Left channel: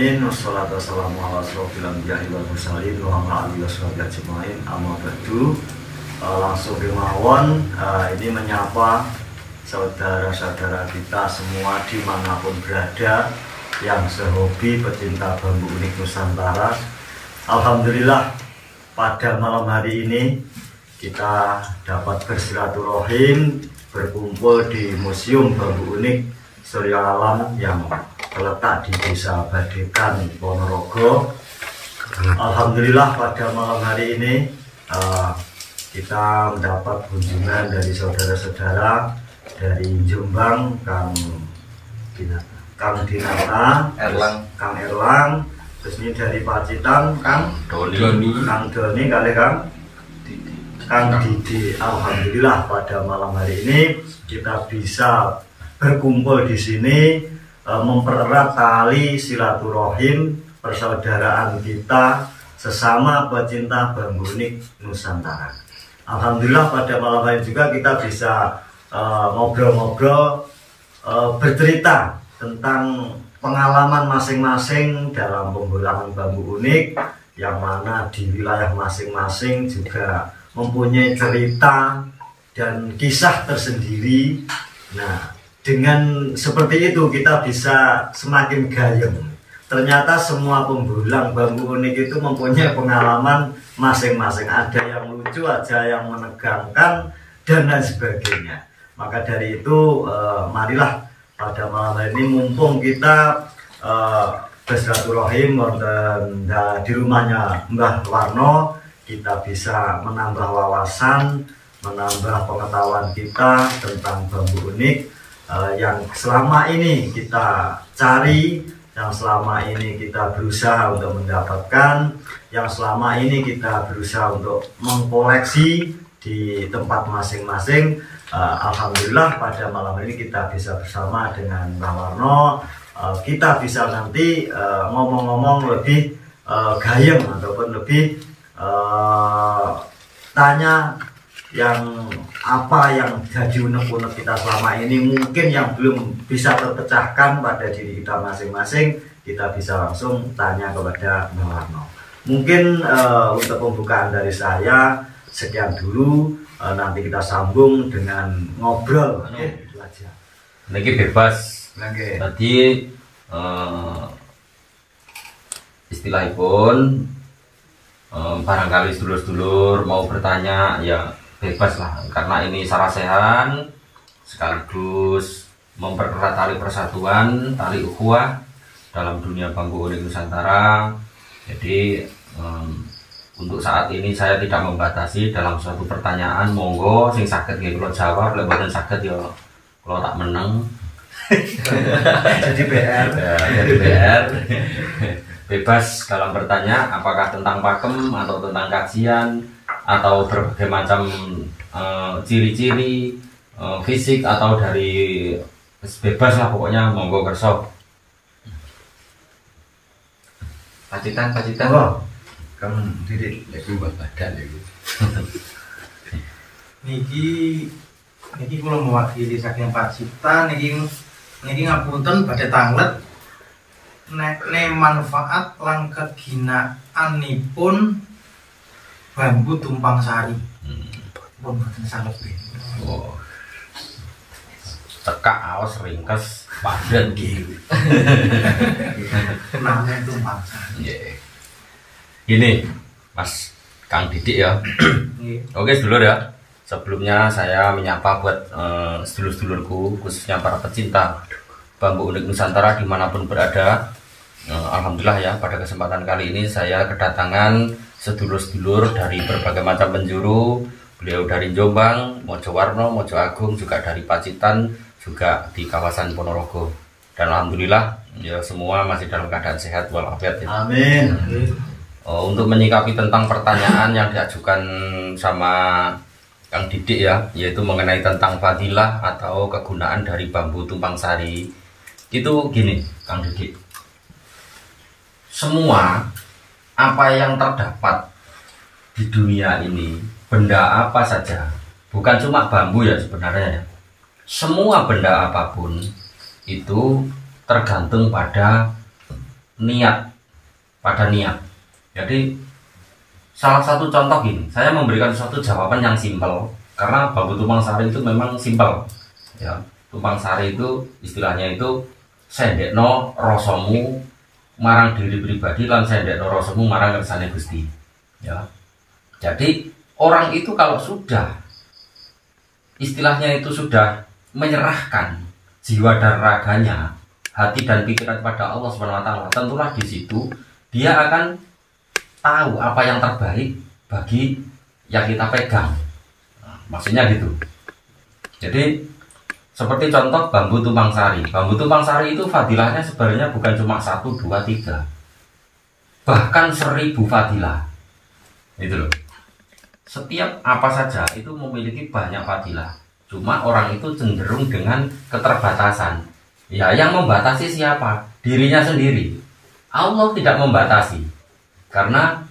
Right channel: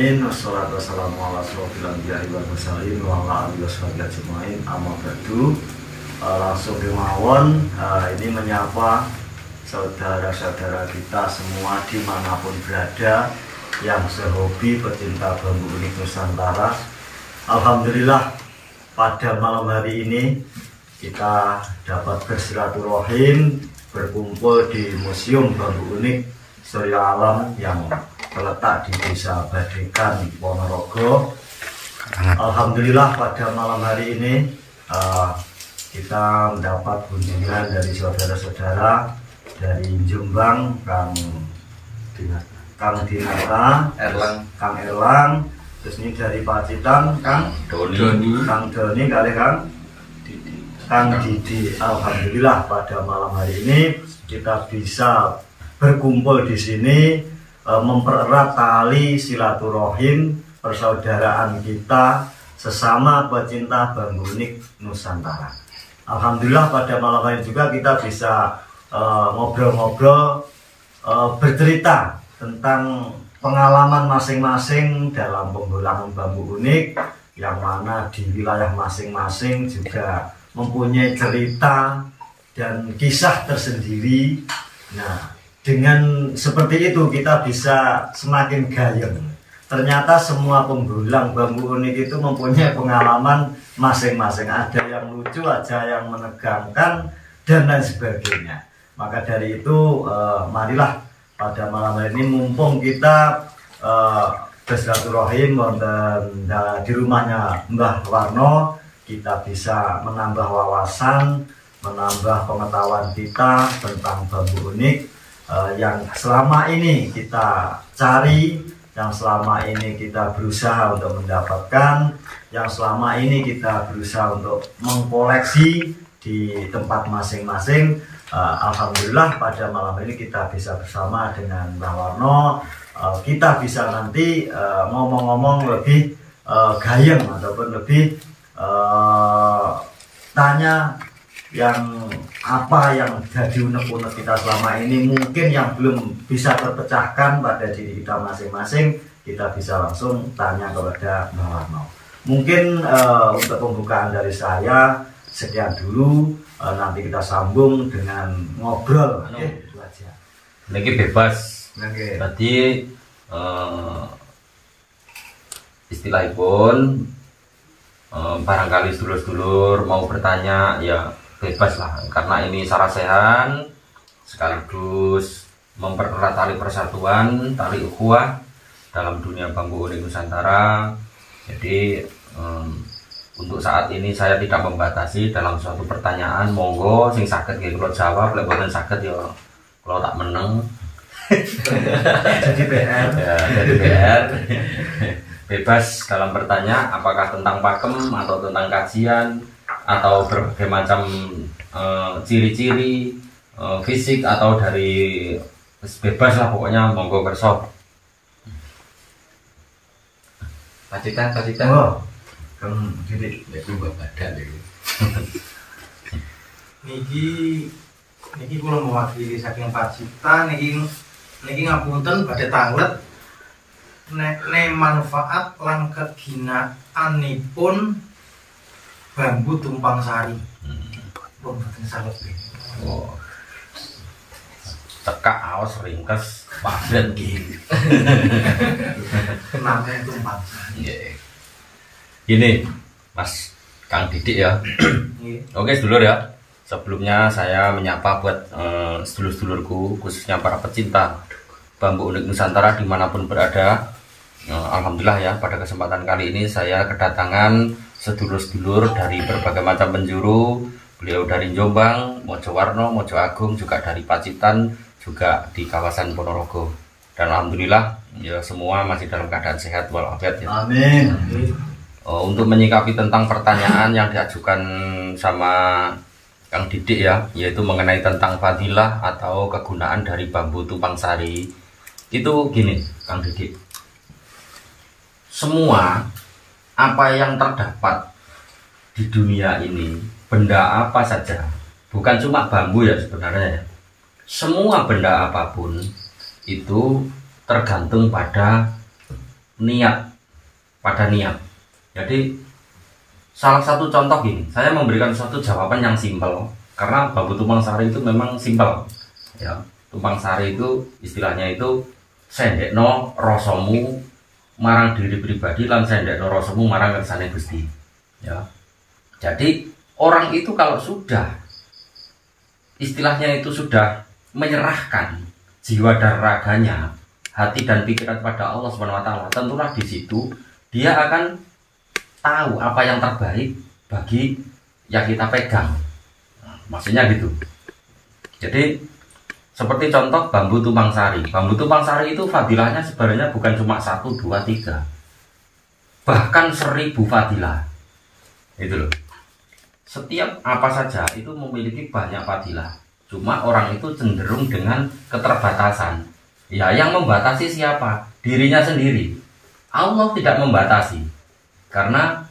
alamin wassalatu wassalamu ala asrofil anbiya'i wal mursalin wa ala alihi washabihi ajmain amma ba'du. Langsung kemawon ini menyapa saudara-saudara kita semua dimanapun berada yang sehobi pecinta bambu unik Nusantara. Alhamdulillah pada malam hari ini kita dapat bersilaturahim berkumpul di Museum Bambu Unik Surya Alam yang terletak di Desa Badekan, Ponorogo. Alhamdulillah pada malam hari ini kita mendapat kunjungan dari saudara-saudara dari Jombang, Kang Dinata, Kang Erlang, terus ini dari Pacitan, Kang Doni kali Kang Didi. Alhamdulillah pada malam hari ini kita bisa berkumpul di sini mempererat tali silaturahim persaudaraan kita sesama pecinta bambu unik Nusantara. Alhamdulillah pada malam hari juga kita bisa ngobrol-ngobrol bercerita tentang pengalaman masing-masing dalam pembulangan bambu unik, yang mana di wilayah masing-masing juga mempunyai cerita dan kisah tersendiri. Nah, dengan seperti itu kita bisa semakin gayeng. Ternyata semua pembulang bambu unik itu mempunyai pengalaman masing-masing. Ada yang lucu, ada yang menegangkan, dan lain sebagainya. Maka dari itu marilah pada malam hari ini mumpung kita bersilaturahim di rumahnya Mbah Warno, kita bisa menambah wawasan, menambah pengetahuan kita tentang bambu unik yang selama ini kita cari, yang selama ini kita berusaha untuk mendapatkan, yang selama ini kita berusaha untuk mengkoleksi di tempat masing-masing. Alhamdulillah pada malam ini kita bisa bersama dengan Mbah Warno, kita bisa nanti ngomong-ngomong lebih gayeng ataupun lebih tanya yang apa yang jadi unek-unek kita selama ini, mungkin yang belum bisa terpecahkan pada diri kita masing-masing, kita bisa langsung tanya kepada Mbah Warno. Mungkin untuk pembukaan dari saya sekian dulu, nanti kita sambung dengan ngobrol. Itu aja. Lagi bebas. Tadi istilahipun barangkali sedulur-sedulur mau bertanya ya bebas lah, karena ini sarasehan sekaligus mempererat tali persatuan, tali ukhuwah dalam dunia bambu unik Nusantara. Jadi untuk saat ini saya tidak membatasi dalam suatu pertanyaan, monggo sing saged nggih kula jawab, lek mboten saged ya kula tak meneng. Jadi PR. Ya, jadi PR. Bebas dalam bertanya, apakah tentang pakem atau tentang kajian atau berbagai macam ciri-ciri fisik atau dari bebas lah pokoknya, monggo kerso. Pacitan. Oh, Kang Didi Itu buat badan ya. Niki kula mewakili saking Pacitan, niki ngapunten badhe tanglet nek manfaat lan keginaanipun bambu tumpang sari. Pun boten saged. Wow. Tekak aos ringkes padan gitu. Namanya tumpang sari. Yeah. Gini, Mas Kang Didik ya. Oke sedulur ya. Sebelumnya saya menyapa buat sedulur-sedulurku, khususnya para pecinta bambu unik Nusantara dimanapun berada. Alhamdulillah ya, pada kesempatan kali ini saya kedatangan sedulur-sedulur dari berbagai macam penjuru. Beliau dari Jombang, Mojo Warno, Mojo Agung, juga dari Pacitan, juga di kawasan Ponorogo. Dan alhamdulillah ya semua masih dalam keadaan sehat walafiat ya. Amin. Untuk menyikapi tentang pertanyaan yang diajukan sama Kang Didik ya, yaitu mengenai tentang fadilah atau kegunaan dari bambu tumpang sari. Itu gini, Kang Didik. Semua apa yang terdapat di dunia ini, benda apa saja, bukan cuma bambu ya sebenarnya ya. Semua benda apapun itu tergantung pada niat, pada niat. Jadi salah satu contoh gini, saya memberikan suatu jawaban yang simpel karena bambu tumpang sari itu memang simpel. Ya, tumpang sari itu istilahnya itu sendekno rasamu marang diri pribadi lan sendekno rasamu marang kersane Gusti. Ya. Jadi orang itu kalau sudah istilahnya itu sudah menyerahkan jiwa dan raganya, hati dan pikiran kepada Allah SWT, tentulah di situ dia akan tahu apa yang terbaik bagi yang kita pegang. Nah, maksudnya gitu. Jadi seperti contoh bambu tumpang sari. Bambu tumpang sari itu fadilahnya sebenarnya bukan cuma 1, 2, 3, bahkan 1000 fadilah. Itu loh. Setiap apa saja itu memiliki banyak fadilah. Cuma orang itu cenderung dengan keterbatasan. Ya, yang membatasi siapa? Dirinya sendiri. Allah tidak membatasi. Karena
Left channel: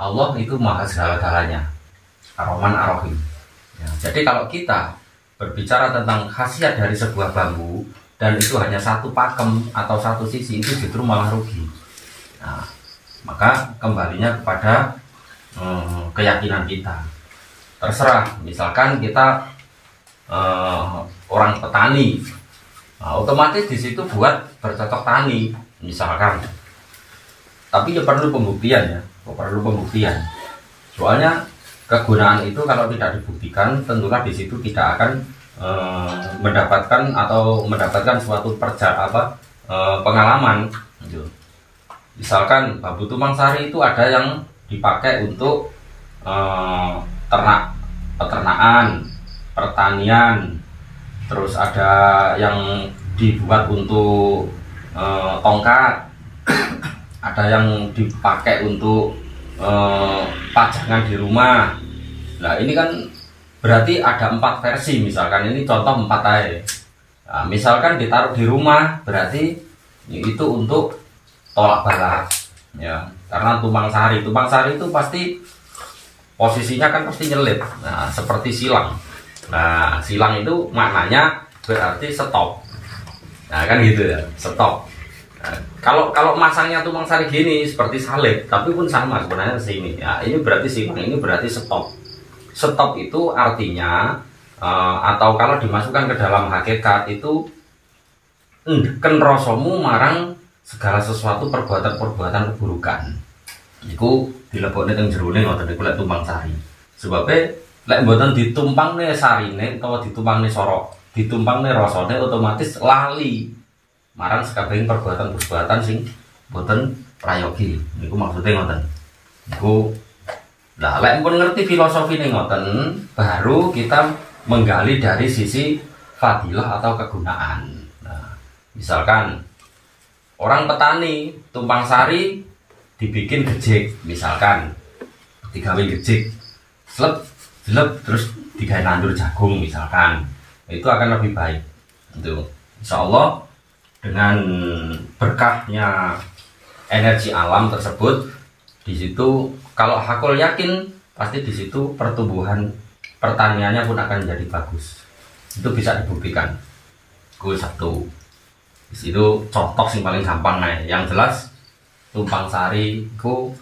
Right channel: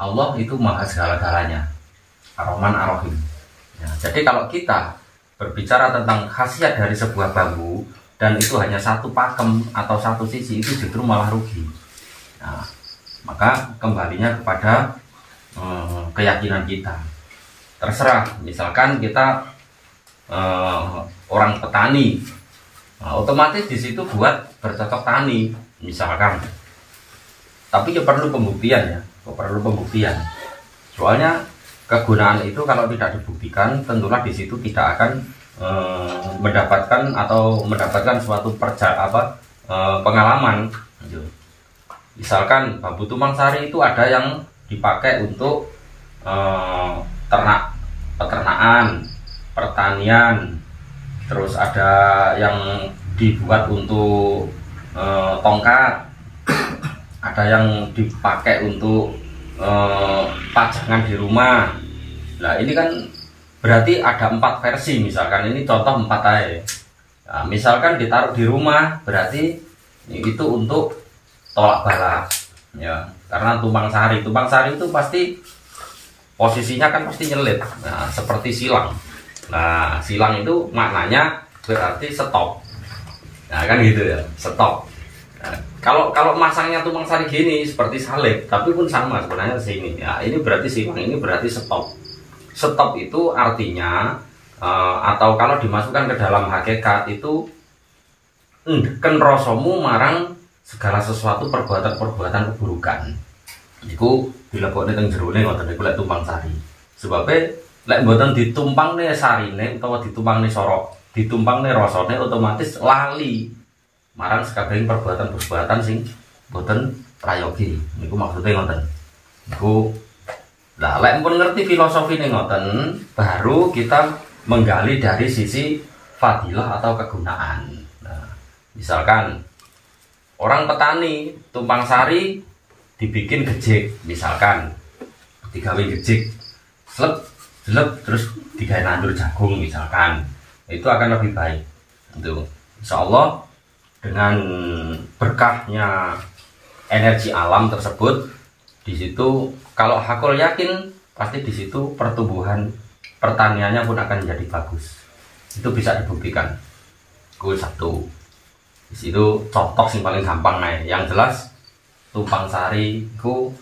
Allah itu maha segala-galanya. Ar-Rahman Ar-Rahim. Ya, jadi kalau kita berbicara tentang khasiat dari sebuah bambu dan itu hanya satu pakem atau satu sisi, itu justru malah rugi. Nah, maka kembalinya kepada keyakinan kita. Terserah, misalkan kita orang petani, nah, otomatis di situ buat bercocok tani, misalkan. Tapi ya perlu pembuktian ya, perlu pembuktian. Soalnya kegunaan itu kalau tidak dibuktikan, tentulah di situ tidak akan mendapatkan suatu pengalaman. Misalkan bambu tumpang sari itu ada yang dipakai untuk peternakan, pertanian, terus ada yang dibuat untuk tongkat, ada yang dipakai untuk pajangan di rumah. Nah ini kan berarti ada 4 versi, misalkan ini contoh 4 aja. Nah, misalkan ditaruh di rumah berarti itu untuk tolak bala, ya. Karena tumpang sari itu pasti posisinya kan pasti nyelip, nah, seperti silang. Nah silang itu maknanya berarti stop. Nah kan gitu ya, stop. Nah, kalau masangnya tumpang sari gini seperti salib, tapi pun sama sebenarnya sini. Ya, ini berarti silang, ini berarti stop. Stop itu artinya atau kalau dimasukkan ke dalam hakikat itu ken rasamu marang segala sesuatu perbuatan keburukan. Iku dilebokne teng jerone ngoten niku lek tumpang sari. Sebabnya lek mboten ditumpangne sarine utawa ditumpangne sorok, ditumpangne rasane otomatis lali marang sekabehing perbuatan sing mboten prayogi. Niku maksudnya ngoten. Niku lah lek pun ngerti filosofine ngoten, baru kita menggali dari sisi fadilah atau kegunaan. Nah, misalkan orang petani tumpang sari dibikin gejik, misalkan digawe gejik, slep terus digawe nandur jagung misalkan, itu akan lebih baik. Itu insya Allah dengan berkahnya energi alam tersebut, di situ kalau hakul yakin pasti di situ pertumbuhan pertaniannya pun akan menjadi bagus. Itu bisa dibuktikan. Gue satu. Di situ contoh sing paling gampang nih. Yang jelas tumpang sari ku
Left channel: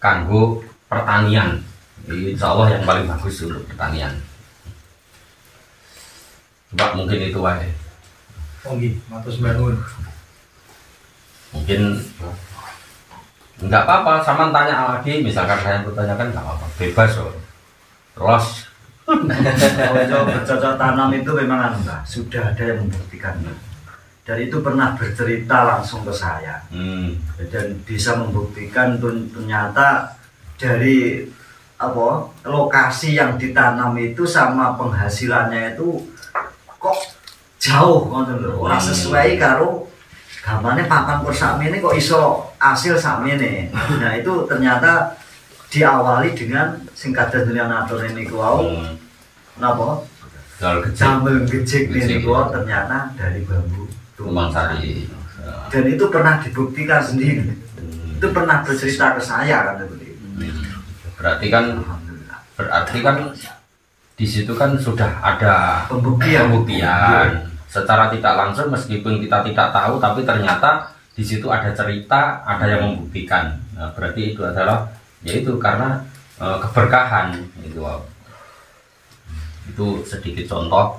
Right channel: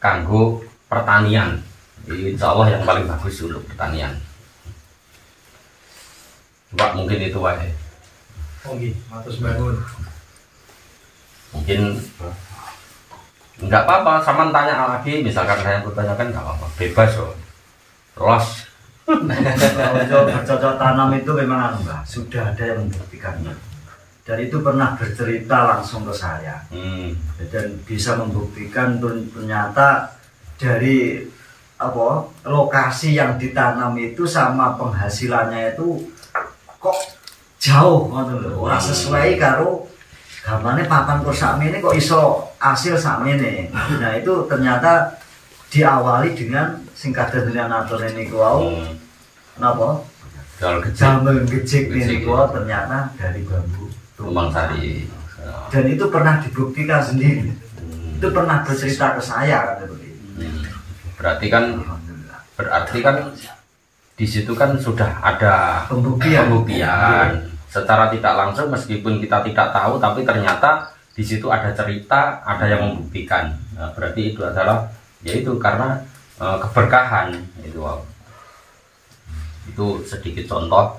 kanggo pertanian. Insya Allah yang paling bagus untuk pertanian. Coba mungkin itu aja. Oke, matus bangun. Mungkin enggak apa-apa, sama tanya lagi. Misalkan saya bertanyakan enggak apa-apa, bebas loh. Los. Kalau bercocok tanam itu memang Mbak, sudah ada yang membuktikannya. Dan itu pernah bercerita langsung ke saya. Dan bisa membuktikan ternyata dari lokasi yang ditanam itu sama penghasilannya itu kok jauh ora sesuai karo gamane papan kur sakmene kok iso hasil sakmene. Nah itu ternyata diawali dengan sing kados atur niku wau napa damel gejik niku ternyata dari bambu tumpang sari. Dan itu pernah dibuktikan sendiri. Itu pernah bercerita ke saya kan seperti itu. Berarti kan di situ kan sudah ada pembuktian. Secara tidak langsung meskipun kita tidak tahu, tapi ternyata di di situ ada cerita, ada yang membuktikan. Nah, berarti itu adalah yaitu karena keberkahan itu. Itu sedikit contoh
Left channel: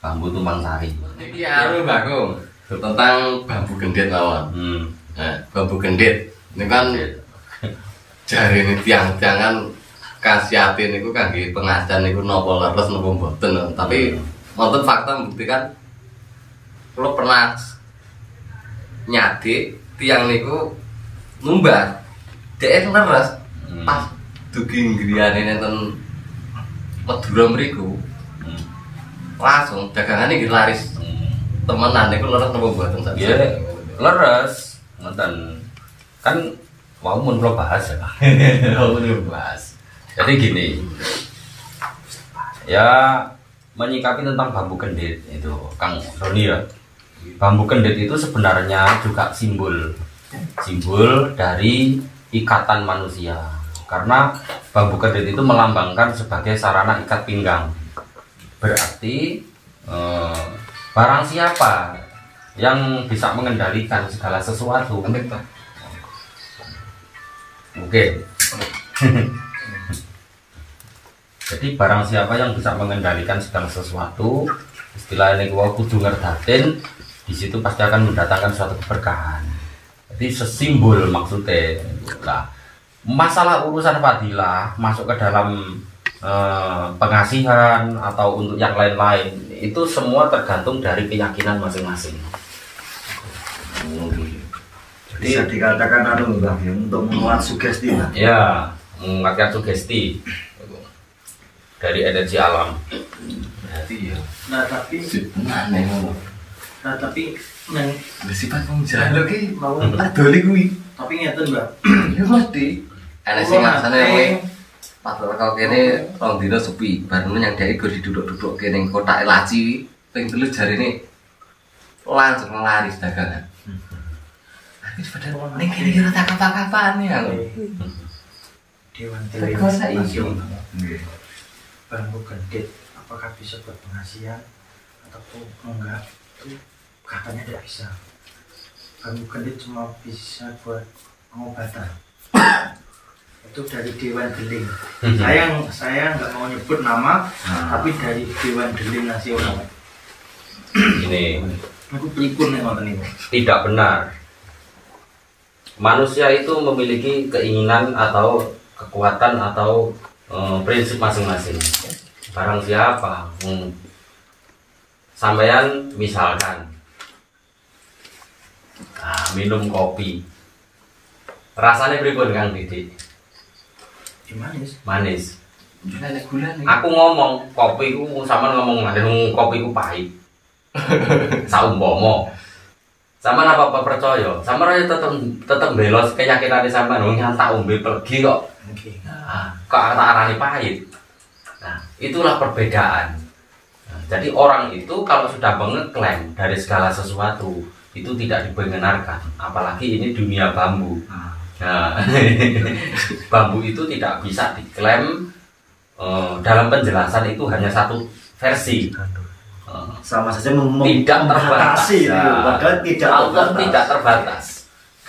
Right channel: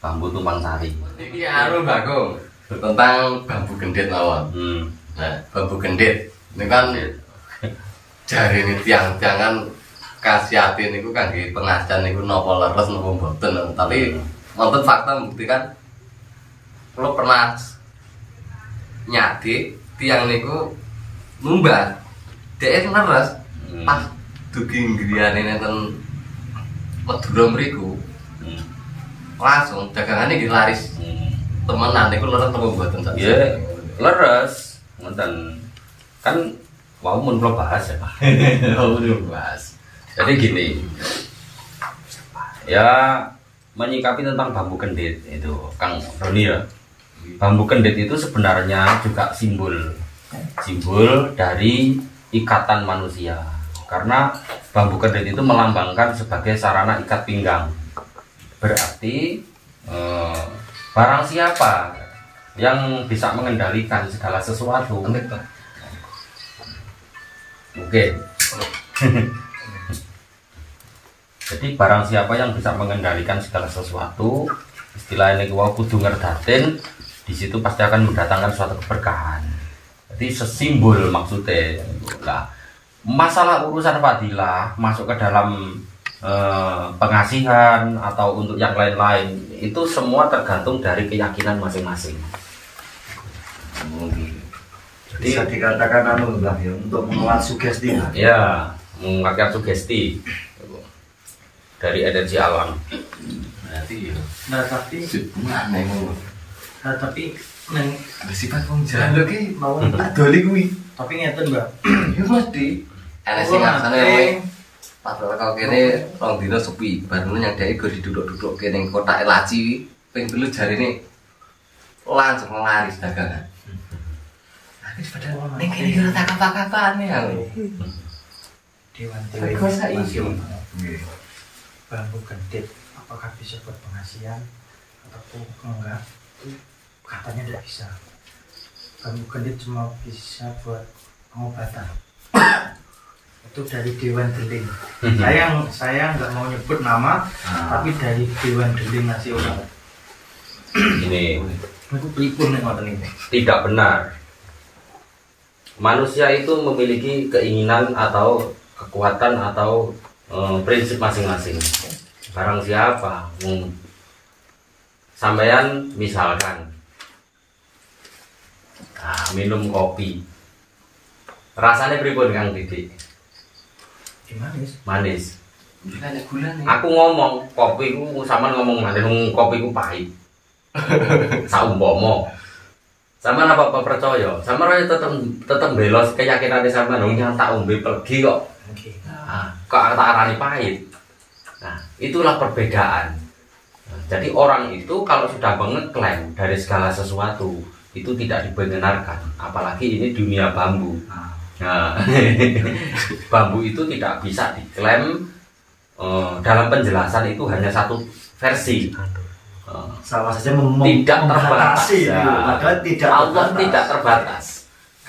bambu tumpang sari. Ini anu Bagong tentang bambu gendit lawan. Nah, bambu gendit ini kan jari ini tiang-tiangan khasiatin itu kan di pengajian itu nopo leres nopo mboten. Tapi wonten fakta membuktikan kalau pernah nyadi tiang niku numbat dhek leres pas dugi griyane nenten Madura mriku langsung dagangannya iki laris temenan niku leres nopo mboten sak. Iya, leres ngoten. Kan mau mun kula bahas ya. bahas. Jadi gini. Ya menyikapi tentang bambu kendit itu Kang Roni ya. Bambu kendit itu sebenarnya juga simbol dari ikatan manusia. Karena bambu kendit itu melambangkan sebagai sarana ikat pinggang. Berarti barang siapa yang bisa mengendalikan segala sesuatu mungkin jadi barang siapa yang bisa mengendalikan segala sesuatu, istilahnya gua kudu ngerdatin, di situ pasti akan mendatangkan suatu keberkahan. Jadi sesimbol maksudnya. Lah, masalah urusan fadilah masuk ke dalam pengasihan atau untuk yang lain-lain itu semua tergantung dari keyakinan masing-masing. Bisa dikatakan anu Bang ya, untuk menguat sugesti lah. Ya, menguatkan sugesti dari energi alam. Nah tapi aneh ngono. nah tapi nang Sifat wong jalan lho ki mau adoli kuwi. tapi ngeten Mbak. Ya mesti ana sing masane padahal kau kene rong dina sepi, bareng yang dhek go diduduk-duduk kene kotake laci ping 3 jarine langsung laris dagangan. Padahal ning kene kira tak apa-apaan ya. Dewan Teko saiki. Nggih. Bambu gendit apakah bisa buat pengasihan ataupun enggak? Itu katanya tidak bisa. Bambu gendit cuma bisa buat pengobatan. Itu dari Dewan Deling. Saya nggak mau nyebut nama, tapi dari Dewan Deling Nasional. Ini Aku pripun nek ngoten niku. tidak benar. Manusia itu memiliki keinginan atau kekuatan atau prinsip masing-masing. Barang siapa sampeyan misalkan minum kopi, rasanya pripun Kang Didik? Manis. Manis. Ada gulane. Aku ngomong kopi ku sampean ngomong manis, kopi ku pahit. Saumpama sampean apa percaya? Sampean tetep belos keyakinane sampean wong tak ombe plegi kok. Oke. Kok tak arani pahit. Nah, itulah perbedaan. Nah, jadi orang itu kalau sudah mengeklaim dari segala sesuatu itu tidak dibenarkan, apalagi ini dunia bambu. Nah, bambu itu tidak bisa diklaim dalam penjelasan itu hanya satu versi. Sama saja Tidak terbatas. itu, padahal tidak Allah terbatas. tidak terbatas.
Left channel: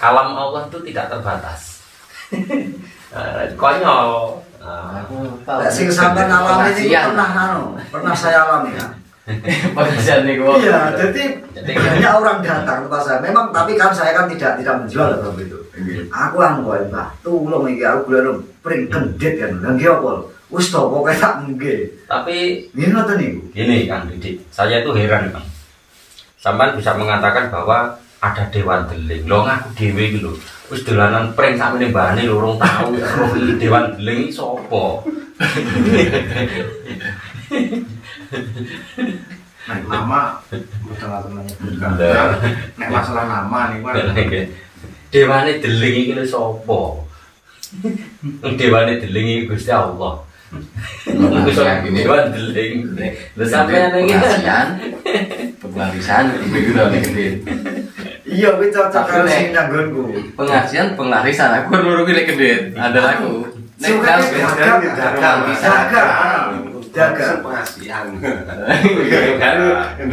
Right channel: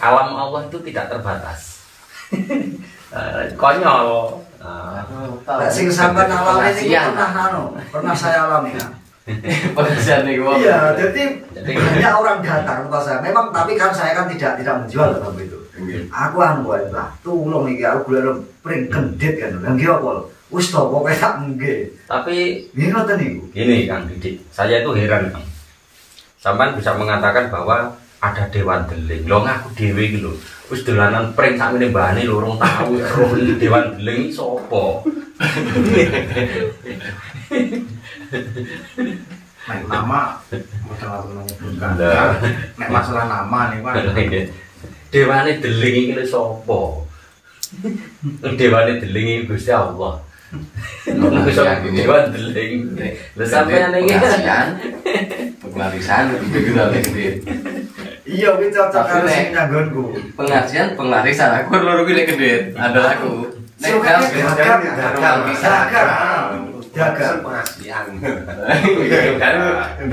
Alam Allah itu tidak terbatas. Konyol. Lek sing sampean alami niku pernah saya alami kan. Pengajian niku. Iya, jadi banyak orang datang ke saya. Memang tapi kan saya kan tidak menjual bambu itu. Aku wae Mbah, tulung iki aku golek pring gendit kan. Lah nggih apa? Wis to pokoke tak nggih. Tapi Nggih ngoten niku. ini Kang Didik, saya itu heran Kang. Sampean bisa mengatakan bahwa ada Dewan Deling. Lho ngaku dhewe iki lho. Wis dolanan pring sakmene mbahane lho urung tau roh Dewan Deling iki sapa. Nek nama bukan menyebutkan. Nah. Nek masalah nama nih Pak. Dewane Deling iki lho sapa? Dewane Deling iki Gusti Allah. Dewan Deling. Lha sampeyan iki Pengarisan iki lho nek Iya, kuwi cocok karo sing nyanggonku. pengajian penglarisan aku loro ki lek gendit. Ada aku. Nek Suka gagal bisa. dagang penghasilan.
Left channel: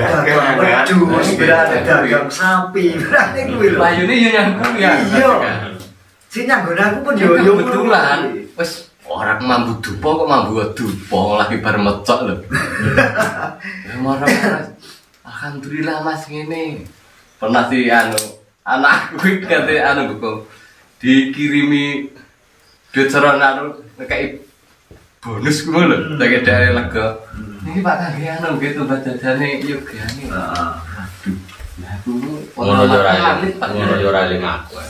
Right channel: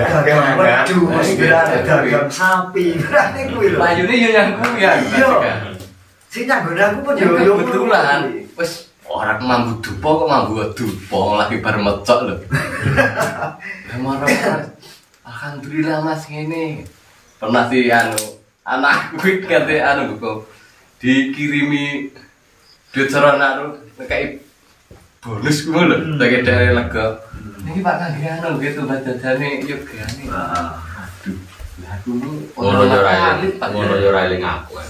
dagang wedhus berarti dagang sapi berarti kuwi lho Layune yo yang kuwi ya. iya sing nyanggone aku pun yo kebetulan wis ora mambu dupa kok mambu dupa lagi bar mecok lho. Ya marah alhamdulillah Mas ngene. Pernah sih anakku ngerti kok dikirimi duit serono kayak bonus gue lho, dari lega. Ini Pak Kagian gitu badadane yo gane. Aduh, lah aku ngono yo ra eling aku.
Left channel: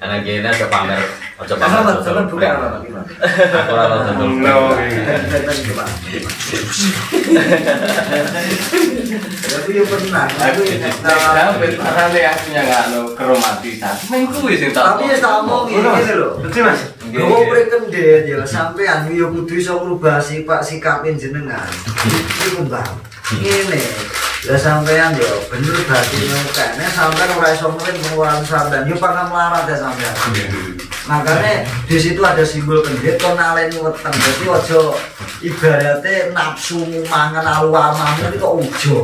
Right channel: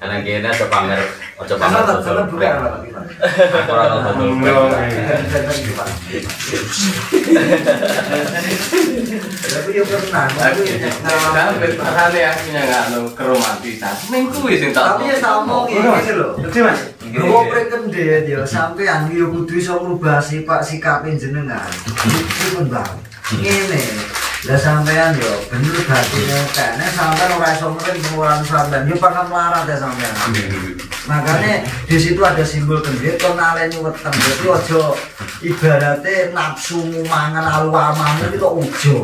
Karena kene to pamer aja pamer bukan apa gimana. Aku ora tau dodol. Aku yo pernah, aku sampai aku nyangano keromantisan. Mengku wis tak. tapi ya tak omong iki lho. Betul Mas. Gowo prekendhet ya sampean yo kudu iso ngrubah sifat sikapin jenengan. Iku Mbah. Ngene. Ya sampean yo bener batine kene sampean ora iso mungkin pengeluaran sampean yo pangkat melarat ya sampean. Makanya di situ ada simbol kendit kon naleni weteng. Dadi aja ibaratnya nafsu mangan alu-amamu itu ujo.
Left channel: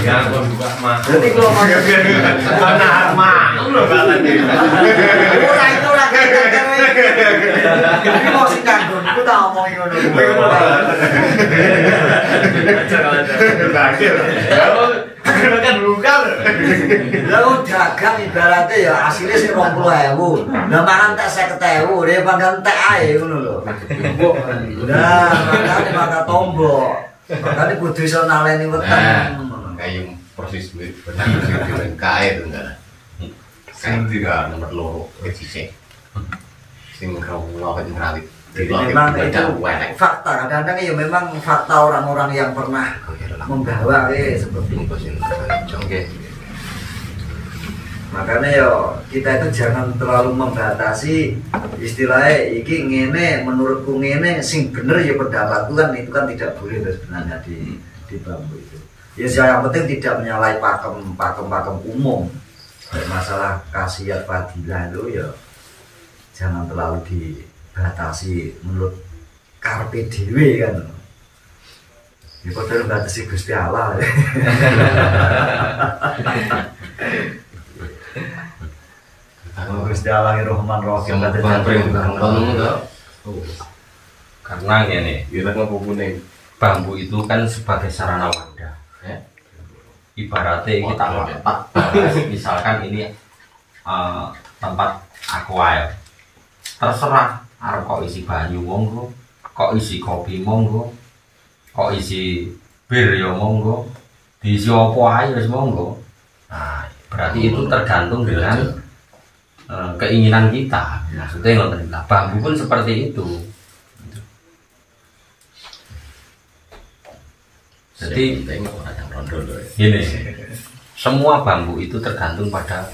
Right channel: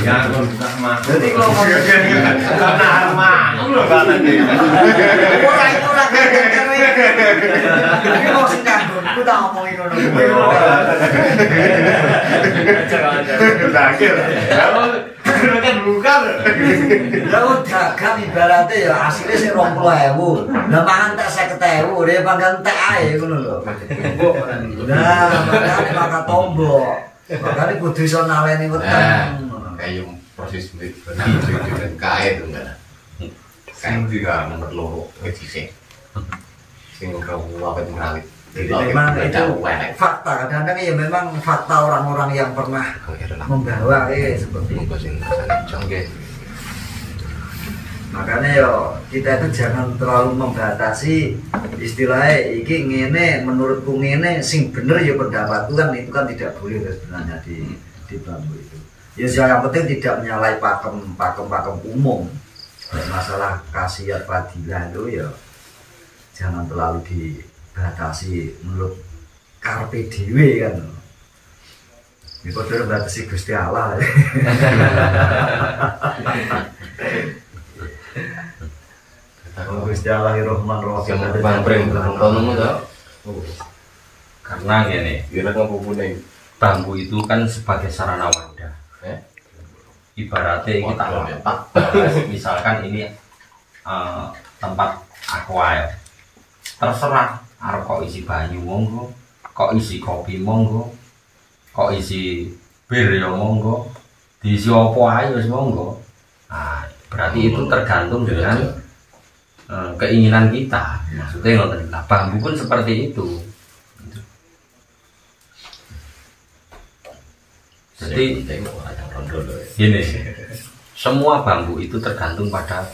Ya aku buka mah. Berarti kalau mau Nahan mah. Lho batane. ora itu ora kaya iki mau sing nganggon ku tak omongi ngono kuwi. Kan bukan. Lah dagang ibaratnya ya hasilnya sing 20.000. Lah mangan tak 50.000 dia pangkat entek ae ngono lho. Lah makane maka tombok. Makane kudu iso naleni weteng. Kayak proses duit kae to enggak. Kae juga nomor 2 sih. Sing kalau rawit. Jadi memang itu fakta, kadang-kadang ya memang fakta orang-orang yang pernah membawa seperti itu. Makanya ya kita itu jangan terlalu membatasi istilahnya iki ngene menurutku ngene sing bener ya pendapatku kan itu kan tidak boleh sebenarnya di bambu itu. Ya yang penting tidak menyalahi pakem umum. Masalah khasiat fadilah itu ya jangan terlalu dibatasi menurut karpe dhewe kan. Ya padha batasi Gusti Allah. Gusti Allah Rahman Rahim karena gini, bambu itu kan sebagai sarana wadah. Ibaratnya kita misalkan ini tempat aqua, terserah arep kok isi banyu monggo, kok isi kopi monggo, kok isi bir ya monggo, diisi apa ae wis monggo. Nah, berarti itu tergantung dengan keinginan kita. Maksudnya ngoten lah, bambu pun seperti itu. Jadi gini, semua bambu itu tergantung pada